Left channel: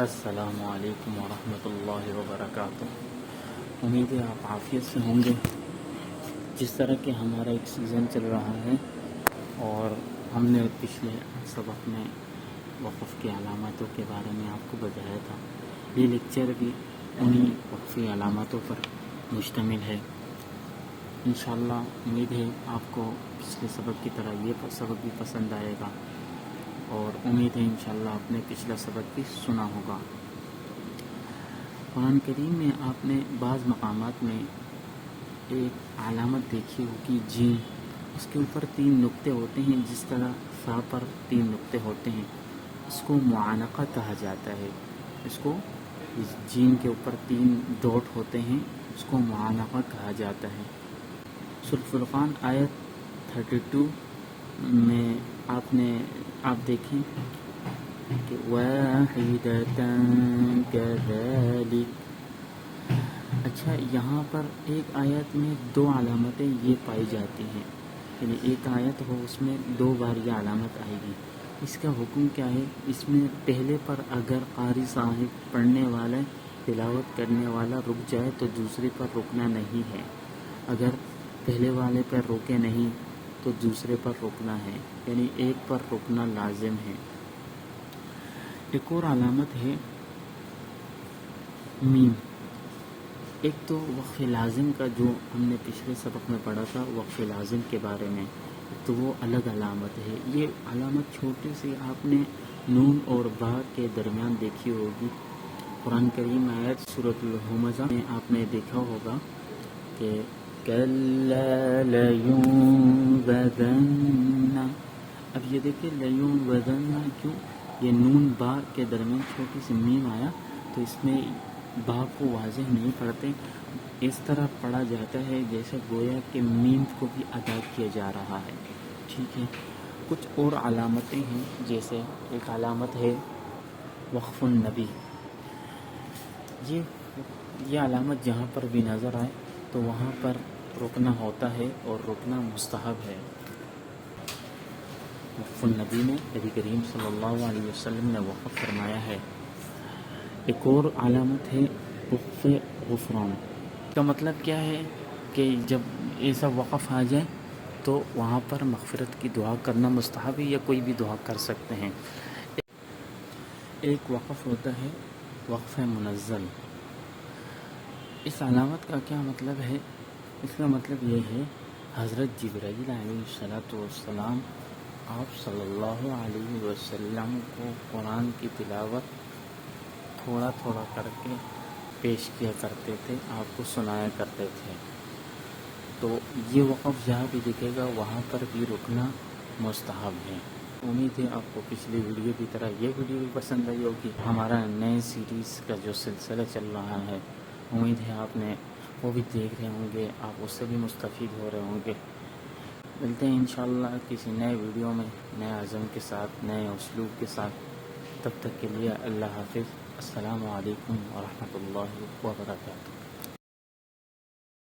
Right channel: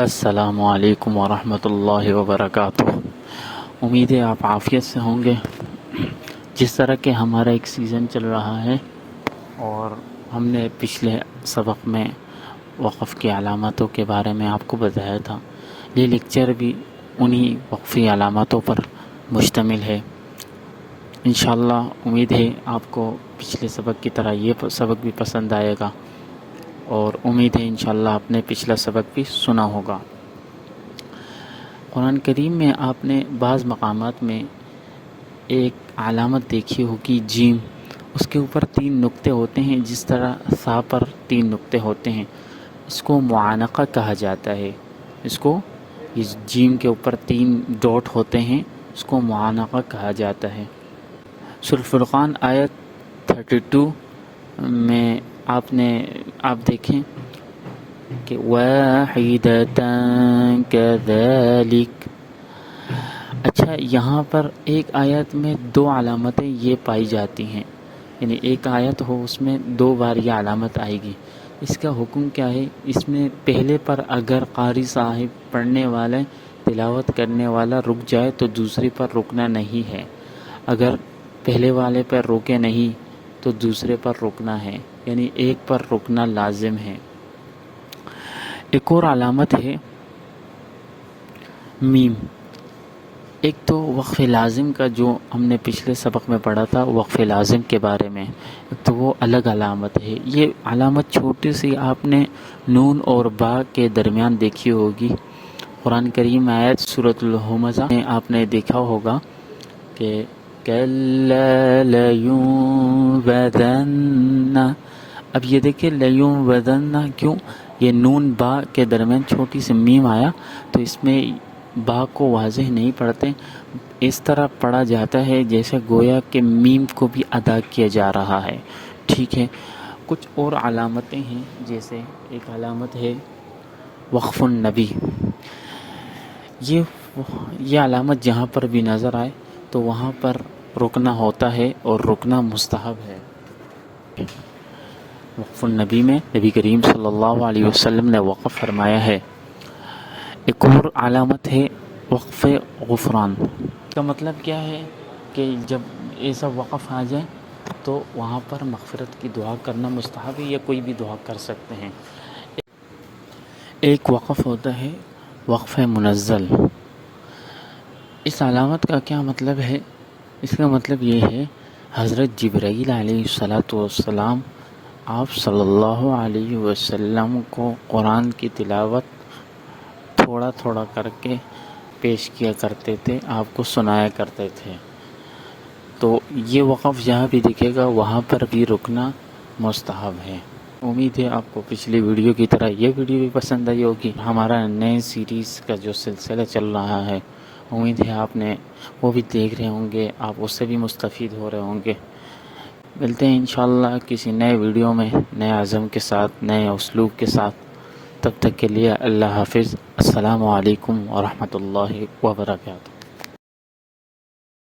السلام علیکم ورحمۃ اللہ وبرکاتہ۔ امید ہے آپ عافیت سے ہوں گے۔ جس طرح کہ ہمارا ایک سیزن چل رہا ہے اور ہم نے پچھلے سبق میں وقف کی علامتوں کے بارے میں آپ کو بتایا تھا، یہ لیکچر بھی انہی وقفی علامتوں پر مشتمل ہے۔ انشاءاللہ امید ہے آپ کو پچھلے سبق کی طرح یہ سبق بھی پسند آئے گا، اور امید ہے انشاءاللہ آپ نے پچھلا سبق بھی سنا ہوگا۔ قرآن کریم میں آپ نے بعض مقامات میں ایک علامت دیکھی ہوگی، جیم، اس کے اوپر 3 نقطے ہوتے ہیں، جس طرح سا پر 3 نقطے ہوتے ہیں، اس کو معانقہ کہا جاتا ہے۔ اس کو، اس جیم کے اوپر 3 ڈاٹ ہوتے ہیں، اس کو معانقہ کہا جاتا ہے۔ سورۃ فرقان آیت 32 میں آپ دیکھیں کہ واحدۃ کذالک۔ اچھا، یہاں پر ایک آیت میں 2 علامتیں یہ پائی جاتی ہیں، یعنی ایک آیت ہو اس میں 2 بار یہ علامت آئے گی۔ اس کا حکم کیا ہے؟ اس میں پہلے پر اگر قاری صاحب، پڑھنے والے، تلاوت کرنے والا رک جائے تو دوسرے پر رکنا نہیں ہے، اگر پہلے والے پر رکے نہیں تو دوسرے پر رکنا ہے، یعنی ایک پر رکنا لازم ہے۔ ایک اور علامت ہے میم۔ ایک تو وقف لازم کا جو ہم نے پچھلے سبق میں پڑھا تھا، وقف لازم کے بارے میں، تو وہ الگ علامت ہے۔ یہ علامت چھوٹی سی آپ نے نون اور با کے درمیان دیکھی ہوگی۔ قرآن کریم آیت سورۃ الہمزہ میں آپ نے دیکھا ہوگا کہ کَلَّا لَيُنبَذَنَّ۔ اب یہ دیکھیں لَيُنبَذَنَّ کیوں؟ یہ نون با کے درمیان چھوٹی سی میم آیا، تو اس میں با کو واضح نہیں پڑھتے، اس طرح پڑھا جاتا ہے جیسے گویا کہ میم کو بھی ادا کیا جا رہا ہے۔ ٹھیک ہے، کچھ اور علامتیں ہیں، جیسے ایک علامت ہے وقف النبی۔ یہ علامت جہاں پر بھی نظر آئے تو وہاں پر رکنا ہوتا ہے، اور رکنا مستحب ہے۔ وقف النبی میں نبی کریم صلی اللہ علیہ وسلم نے وقف فرمایا ہے۔ ایک اور علامت ہے وقف غفران۔ کا مطلب کیا ہے کہ جب ایسا وقف آ جائے تو وہاں پر مغفرت کی دعا کرنا مستحب ہے، یا کوئی بھی دعا کر سکتے ہیں۔ ایک وقف ہوتا ہے وقف منزل۔ اس علامت کا کیا مطلب ہے؟ اس کا مطلب یہ ہے، حضرت جبرائیل علیہ السلام آپ صلی اللہ علیہ وسلم کو قرآن کی تلاوت تھوڑا تھوڑا کر کے پیش کیا کرتے تھے، آپ کو سنایا کرتے تھے۔ تو یہ وقف جہاں بھی دکھے گا وہاں پر بھی رکنا مستحب ہے۔ امید ہے آپ کو پچھلی ویڈیو کی طرح یہ ویڈیو بھی پسند آئی ہوگی۔ ہمارا نئے سیریز کا جو سلسلہ چل رہا ہے، امید ہے آپ نے وہ بھی دیکھ رہے ہوں گے، آپ اس سے بھی مستفید ہو رہے ہوں گے۔ ملتے ہیں انشاءاللہ کسی نئے ویڈیو میں، نئے عزم کے ساتھ، نئے اسلوب کے ساتھ۔ تب تک کے لیے اللہ حافظ۔ السلام علیکم ورحمۃ اللہ وبرکاتہ۔